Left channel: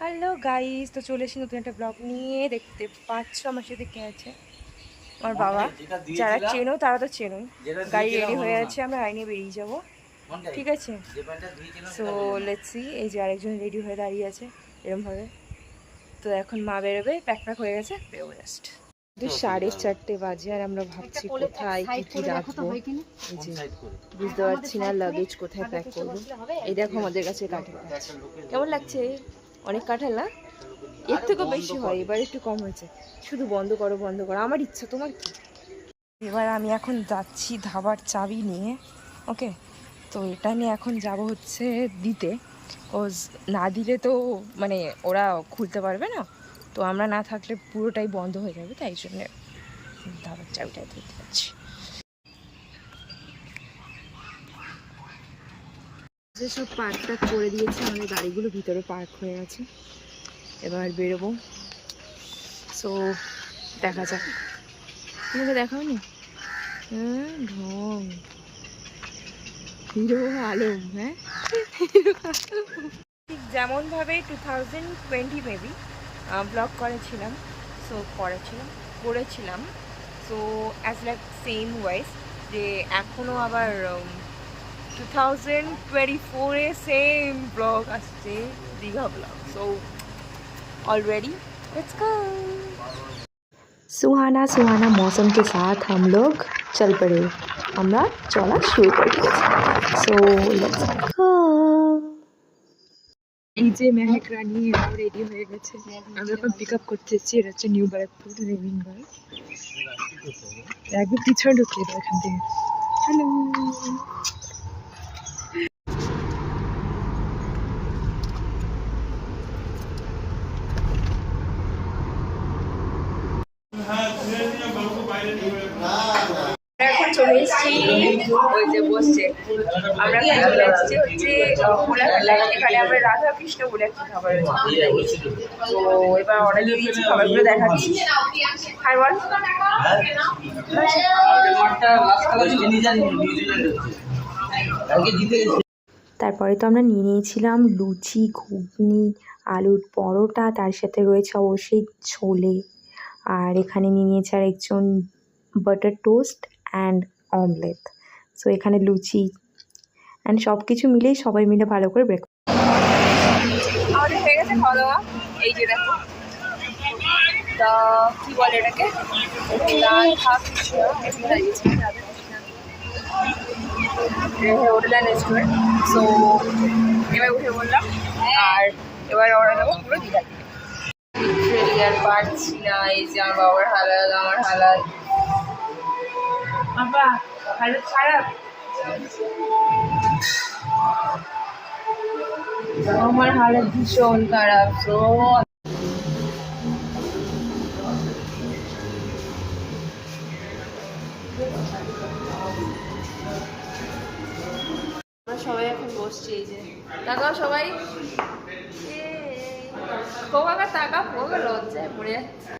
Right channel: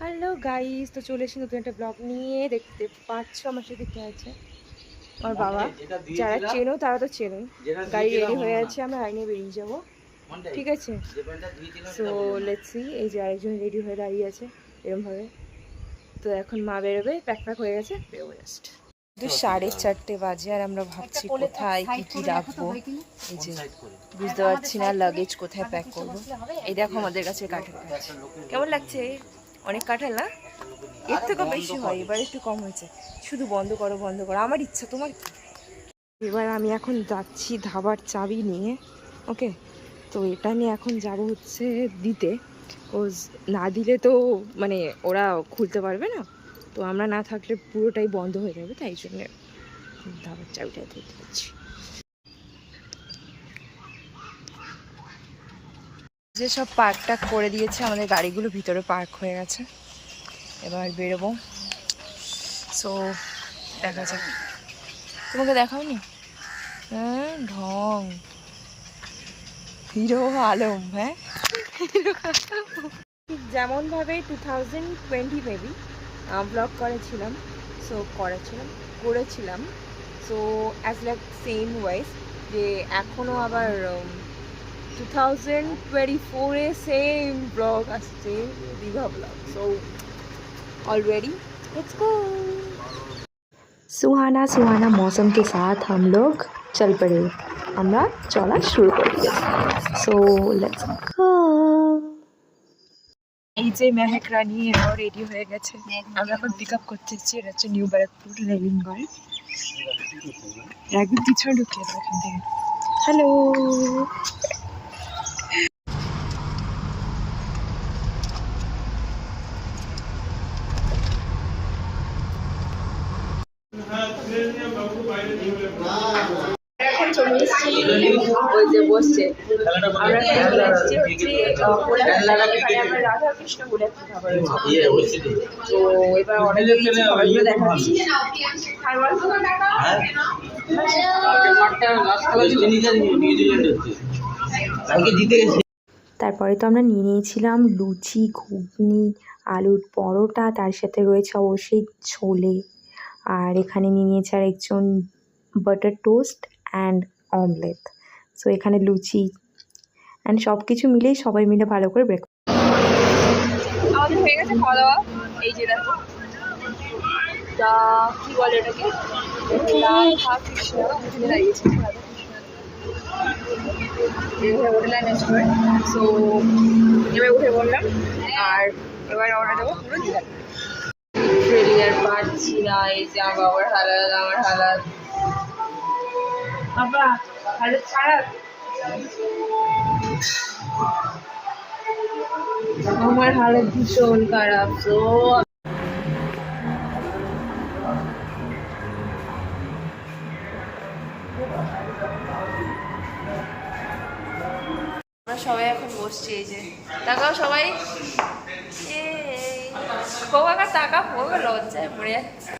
Hello guys, তো চলে এসেছি নতুন একটা ব্লগ নিয়ে। দেখতে পাচ্ছ আমার সাথে কে আছে, আমার বাবা। যারা চেনো তারা তো চেনোই। গাড়ি রেডি হয়ে আছে, আমরা গাড়ি নিয়ে বেরিয়ে যাবো, ঠিক আছে? So let's see. এই যে আরেকজন রেডি হয়ে দাঁড়িয়ে আছে এরমভাবে। তো এখন মা বেরোবে, প্যাক হয়ে গেছে, বেরোবো জাস্ট। 4:30 বাজে আর আমরা ভাবছি কোথায় কি কি রাখবো। এই যে বুঝতে পারছি না লাগেজ কোথায় প্যাক করবো। এই দেখো আমাদের কাছে কাঁঠাল গাছ, কেমন লাগছে? অনেক কাঁঠাল না? এর থেকেও বেশি হয়, এবার একটু কম হয়েছে। শুধু বন্ধ করো বন্ধ করো, আমার ইচ্ছা, তোমার কি? এবার আমি এখন যাচ্ছি ধাবার চাবি নিয়ে, ওকে? তো এটা নিয়ে এখন যাব হচ্ছে দিতে। কোজ না দিলে তো মানে ওরা খুলতে পারবে না, তো আমরা না থাকলে পুরোটাই বন্ধ হয়ে যাবে, তাই জন্য ধাবার চাবিটা দিতে যাচ্ছি। যে সব পার্কটা করে দিয়েছে, আমাদের গাড়িগুলো ভিতরে পার্ক হয়ে গেছে, এবার বেরোবো। সো দেখা যাক। তোমাকে দেখাওনি? হ্যাঁ, ঢং হিরো আলম। হ্যাঁ, ঠিক যেমনভাবে 2020 মেবি ব্লগ করেছিলাম। So as like same wise যে এখনও আবার 2024-এ সেম ব্লগ আসছে, Digha blog. So already let's go. सुहाना सुहाना मौसम के साथ हम लोग चल पड़े, আমরা চলা শুরু করে দিয়েছি। So let's go. এই যে মেহেক রানী এরাও রেডি হয়ে গেছে, আমরা এখন পিক আপ করতে এসেছি। এটা হচ্ছে নিউ ব্যারাকপুর রেলিংগড়। একদম পিছনে ঢুকিয়ে দেবো এখান থেকে। হ্যালো, এখন চলে এসেছি, ওই যে বসছে, আমরা এখন চলে এসেছি হচ্ছে কোলাঘাট। এখানে আমরা রাধা কৃষ্ণ বলে একটা খাবার রয়েছে, তো এবার অর্ডার দিয়ে দিয়েছি, খাবারগুলো দেখাচ্ছি। হাই বল। তারপরে তো আমরা নিয়ে নিয়েছিলাম লুচি, ঘুগনি, আলুর পরোটা, তার সাথে রয়েছে অবশ্যই ছোলে। আর এখানে নিয়ে নিয়েছে আর একজন butter toast and omelette. So এখানে লুচি অ্যান্ড সব কিছু মিলেই সবাই মিলে ভালো করে ব্রেকফাস্ট আমাদের হয়ে গেছে খাওয়া দাওয়া। এই যে দেখো, তা কি বলে এটাকে, রাধা কৃষ্ণ এখানে দাঁড়িয়েছে, Radha Krishna hotel and restaurant. So এবার উঠে বললাম, আর এবার অর্ডার দেবো পুরো দীঘা থেকে। লিটারেলি আর পারছি না। এই যে আমার বাবার হালাত, আমার হালাত, বাবা হালাত খারাপ, আমার হালাত ভীষণ খারাপ। তো আমরা সবাই এখন বসছি, এই যে তাকাও সবাই, কাকা টাকা পোকা লজ্জায় পড়ে যাচ্ছে।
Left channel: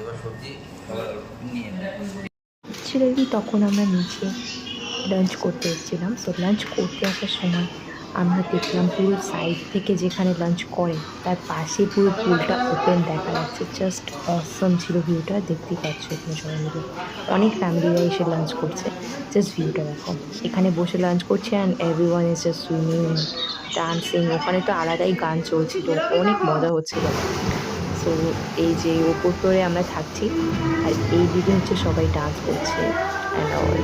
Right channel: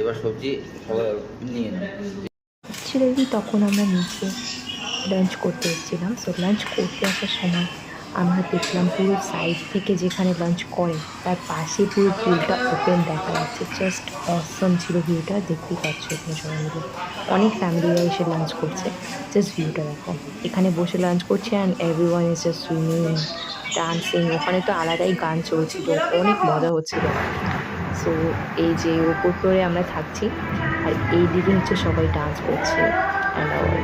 এবার সবজি নিয়ে অ্যাকচুয়ালি তখন আমরা নিচে লাঞ্চ করতে এসেছিলাম। সো লাঞ্চ করতে আসার সময় আমরা দেখলাম পুরো সাইড থেকে যেখানে লাঞ্চ করে তার পাশে পুরো পুলটা ওপেন দেখা যাচ্ছে। জাস্ট অসম ছিল ভিউটা, দেখতেই পাচ্ছ এখানে সবাই মিলে অনেক ফ্যামিলিরা এসে লাঞ্চ করছে। জাস্ট ভিউটা দেখো, এখানে বসে লাঞ্চ করছে and everyone is just swimming, dancing. ওখানে তো আলাদাই গান চলছিল, অনেক মজা হচ্ছিল। সো এই যে ওপর ফ্লোরে আমরা থাকছি আর এই দিকে হচ্ছে সবাই ডান্স করছে অ্যান্ড অল।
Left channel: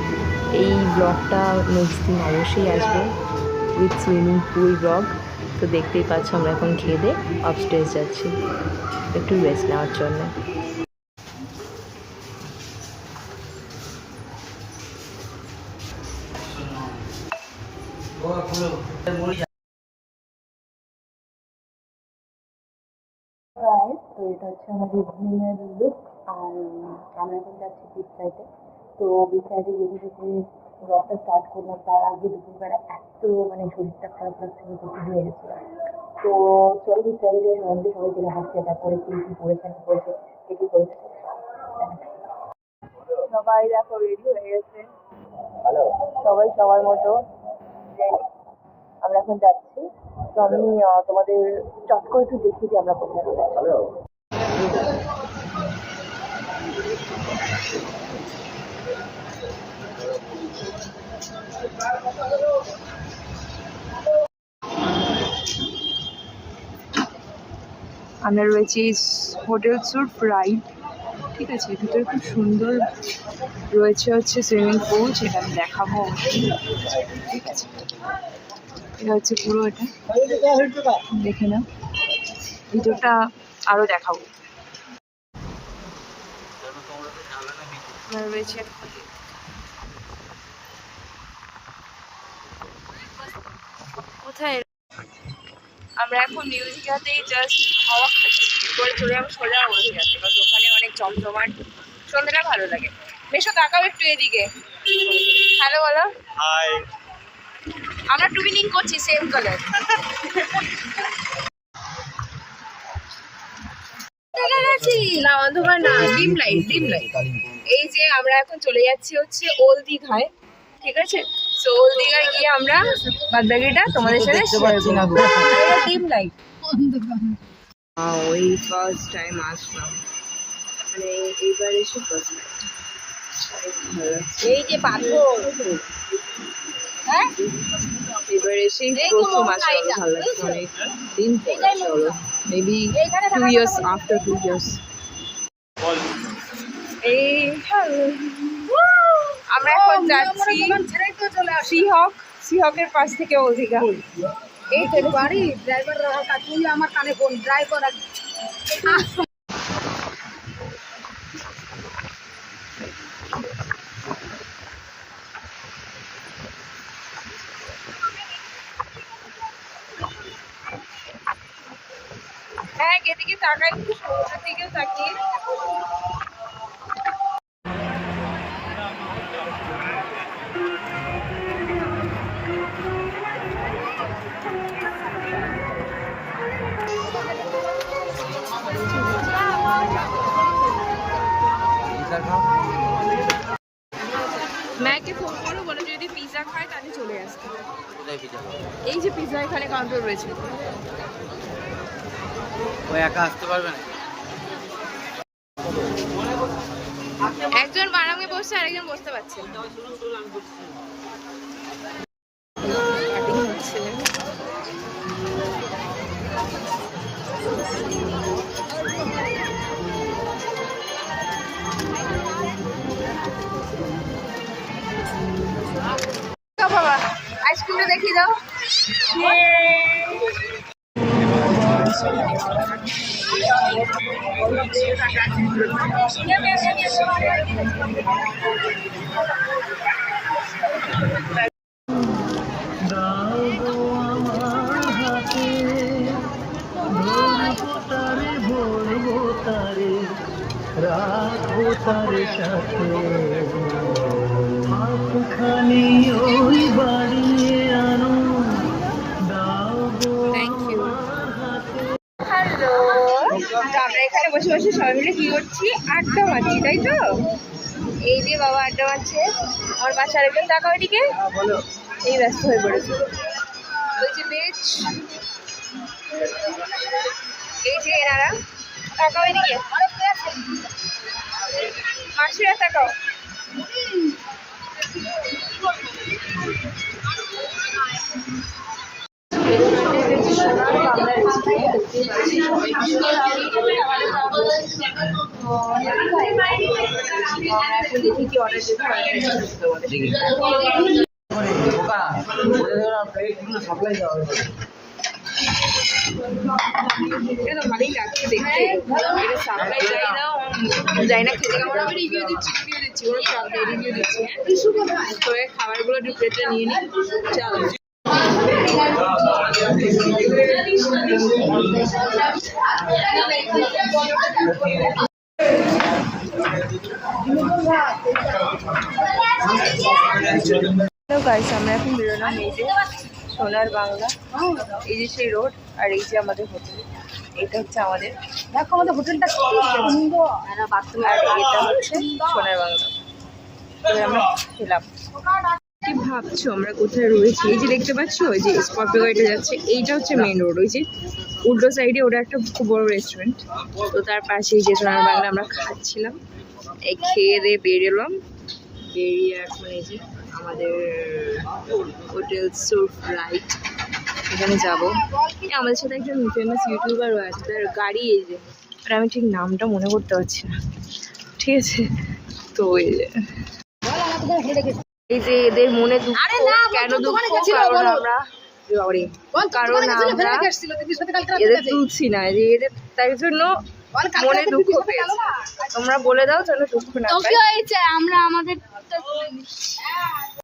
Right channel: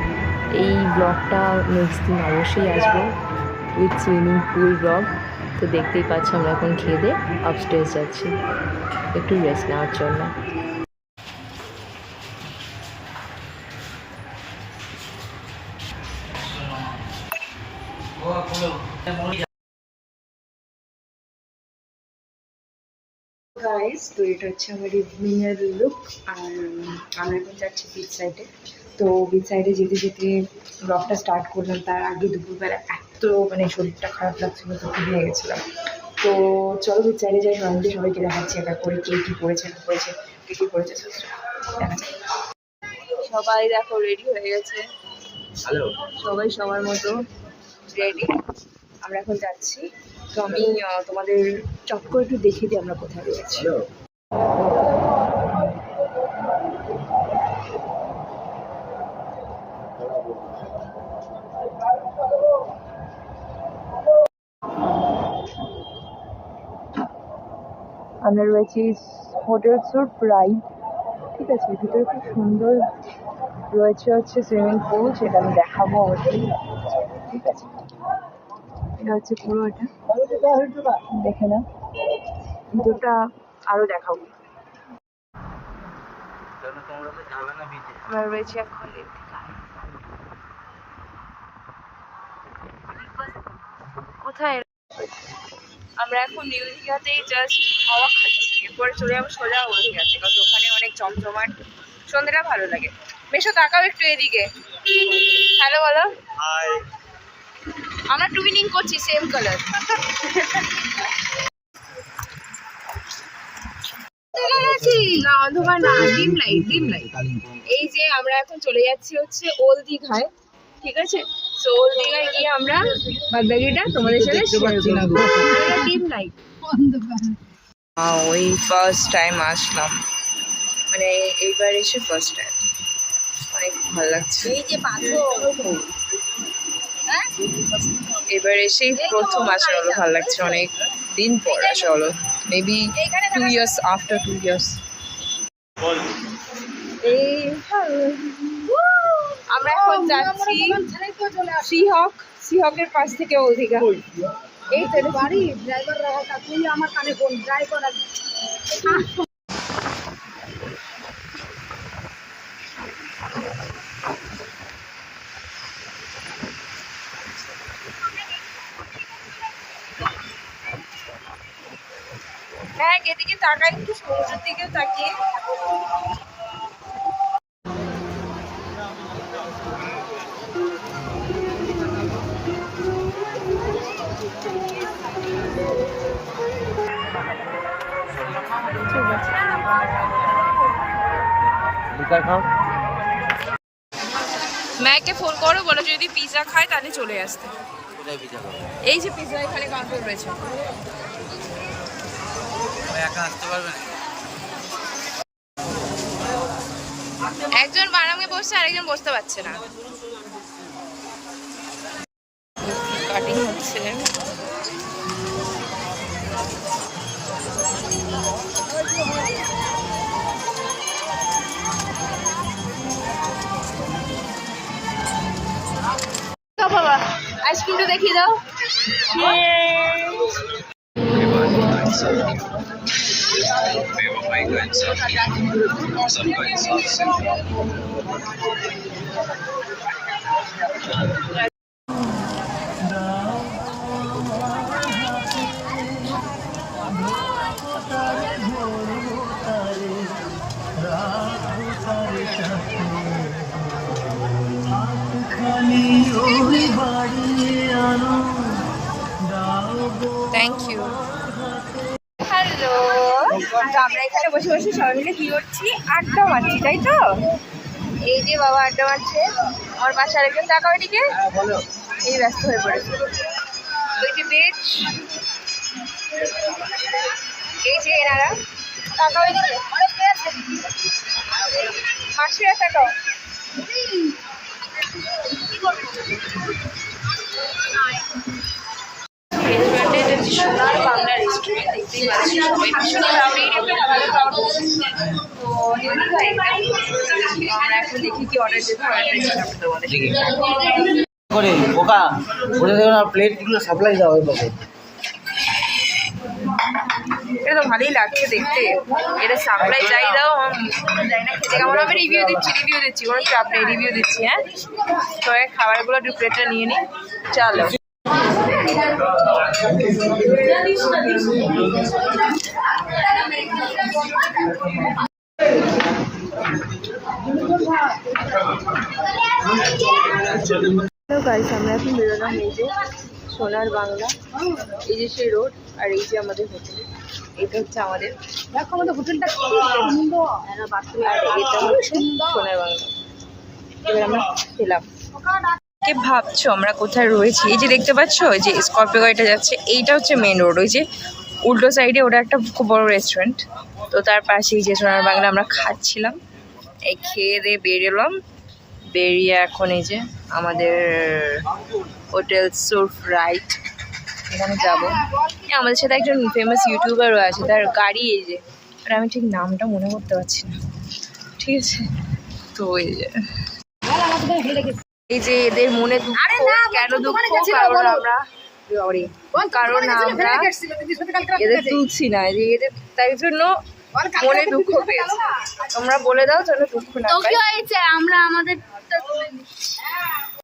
এই ব্লগটা নেক্সট দিন অবশ্যই আসবে উইথ সুইমিং পুল ব্লগ। তো দেখতেই পাচ্ছ আমরা এখন খেয়ে দিয়ে আপস্টেজ যাচ্ছি একটু রেস্ট নেওয়ার জন্য। গাইস, তো এটা হচ্ছে আমার ইভিনিংয়ের লুক। আর আমরা এখন যাচ্ছি বিচ সাইডে। তো বিচ সাইডে যেতে যেতে ব্লগটা স্টার্ট করলাম, তার আগে দুপুরবেলা এত এত মানে শরীরটা খারাপ লাগছিল, তো ঘুরিয়ে গেছিলাম। তো চলো চাইলে যাই সবাইকে সবাইকে দেখাচ্ছি এক এক করে কে কী পড়েছে না পড়েছে, কে কী পড়েছে দেখা যাক। সবাই দেখো রেডি হয়ে গেছে, হ্যালো, সবাই সবার মতো রেডি। আমরা এখন যাচ্ছি। তো আমি তোমাদের চট করে একটু দেখিয়ে দিই আমরা কোথায় যাচ্ছি। হ্যালো। আমরা রয়েছি হোটেল সুট রাইড, ঠিক আছে। ভিতরে খুব সুন্দর রয়েছে হচ্ছে সুইমিং পুল, সেটা আমি দেখাবো অবশ্যই, ঠিক আছে। এটা হচ্ছে পুরো, এটা দেখে না, ভিতরটা আরও দেখাবো। আমরা রয়েছি এখন কোথায়, আমরা এখন নিউ দীঘাতেই জাস্ট হাওয়া খাচ্ছি, এরপরে চলে যাবো সোজা ওল্ড দীঘাতে, কারণ ওখানে অনেক জমজমাট, সন্ধ্যেটা ভালো লাগে। বেশো তাকাও একটু এদিকে, হ্যালো বলো। হাই, আমরা টুইনিং করছি সেম কালার। না অন্ধকার না, ডিম লাইট, ডিম লাইট। এই যে আমরা এখন চলে যাচ্ছি হচ্ছে ওল্ড দীঘায়, ঠিক আছে। সো ওল্ড দীঘায় গিয়ে আমরা বাদবাকিটা তোমাদের সাথে শেয়ার করব। Dim light. ওই ফার্স্ট টাইম আসলাম, মানে এইবার এসে ফার্স্ট টাইম, অনেক ভালো লাগছে। এই যে এবার এসেই প্রথম আসা হলো, ভালো লাগছে, অনেক দিন পর আসা হলো, মেবি 2 years, after 2 years। এই আমরা এখন যাচ্ছি সিহকের পাশ থেকে ওল্ড দীঘা। এই তো বাড়ি ড্রাইভার রাখা, তুই আমার কানে ফোন ড্রাইভার। হ্যাঁ, এদিকে তাকাই, একটু সমুদ্রের দিকেও তাকিয়ে। ম্যাকে ফোন করো, বলো যদি পিৎজা খায় তাহলে চলে আসতে। এই যে পিৎজা এখানে কাউন্টার রয়েছে। একজন বারামে বসছে, আরেকজন বসতে পারছে না, কাটিং হচ্ছে। বাবা আইসক্রিমটা দেখিয়ে দাও। Thank you. হ্যালো, তো আমরা এখানে বসে বসে সবাই মিলে কি করছি, আড্ডা মারছি, তাই তো। এই যে বাবা আড্ডা মারছে, আমার বাসার একজন তাকাও এদিকে, এই ব্যস্ত হয়ে পড়েছে। ওই যে বেচ, এই যে এনারা, তাকাও এদিকে, মাসিরা তাকাও। সোনার বাংলা রেস্টুরেন্ট, দেখতেই পাচ্ছি সবাই ভীষণ ক্রাউডেড, আমরা এখন দেখি কি অর্ডার দিতে হয়। এটা তো ভালোই লাগছে দেখতে, এটা সাপ্লাই যাই দাও, যাই না খেতে কেমন হবে, রিভিউ দিচ্ছি, কোনো চাপ নেই, রিভিউ দিচ্ছি। হ্যাঁ, তো খাবারগুলো একটু প্লেটটা নিয়ে নিই, চলো। তো গাইস আমরা এখন বেরোলাম, এই যে সোনার বাংলা, এই যে সেই রোড, আর এই যে আমাদের হোটেল, এটা হচ্ছে আমাদের, দেখো আমাদের হোটেলটা কি সুন্দর, আর এটা হচ্ছে সোনার বাংলা। এবার আমরা খেলাম। কি ভাবছো আমরা কোথায় রয়েছি? এই যে দেখতে পাচ্ছ ওই যে স্করপিও গাড়িটা যাচ্ছে, এইটা হচ্ছে মেন রোড। ওই যে উল্টো সাইডে ওটা একটা খুব বড় রেস্টুরেন্ট, তো তার পাশে এই যে সোনার বাংলা আমরা খাচ্ছিলাম। এই খেয়ে দিয়ে বেরোলাম, বেরিয়ে এখন এই যে আমাদের হোটেল সুরফ রাইট, এখানে যাব। আমাদের সাথে একজন ফেমাস ইউটিউবারও আছে, তার গাড়ি এই যে, আর আমি ঠিক নামটা মনে করতে পারছি না, ঠিক আছে। তো এই যে এদের মনে দুঃখ, কেন দুঃখ? কারণ আমরা এদের তুলছি না, যে এদের তাই জন্য মনে দুঃখ পেয়েছে। তোমরা বলে দাও যেন দুঃখ না পায়। আমরা আমাদের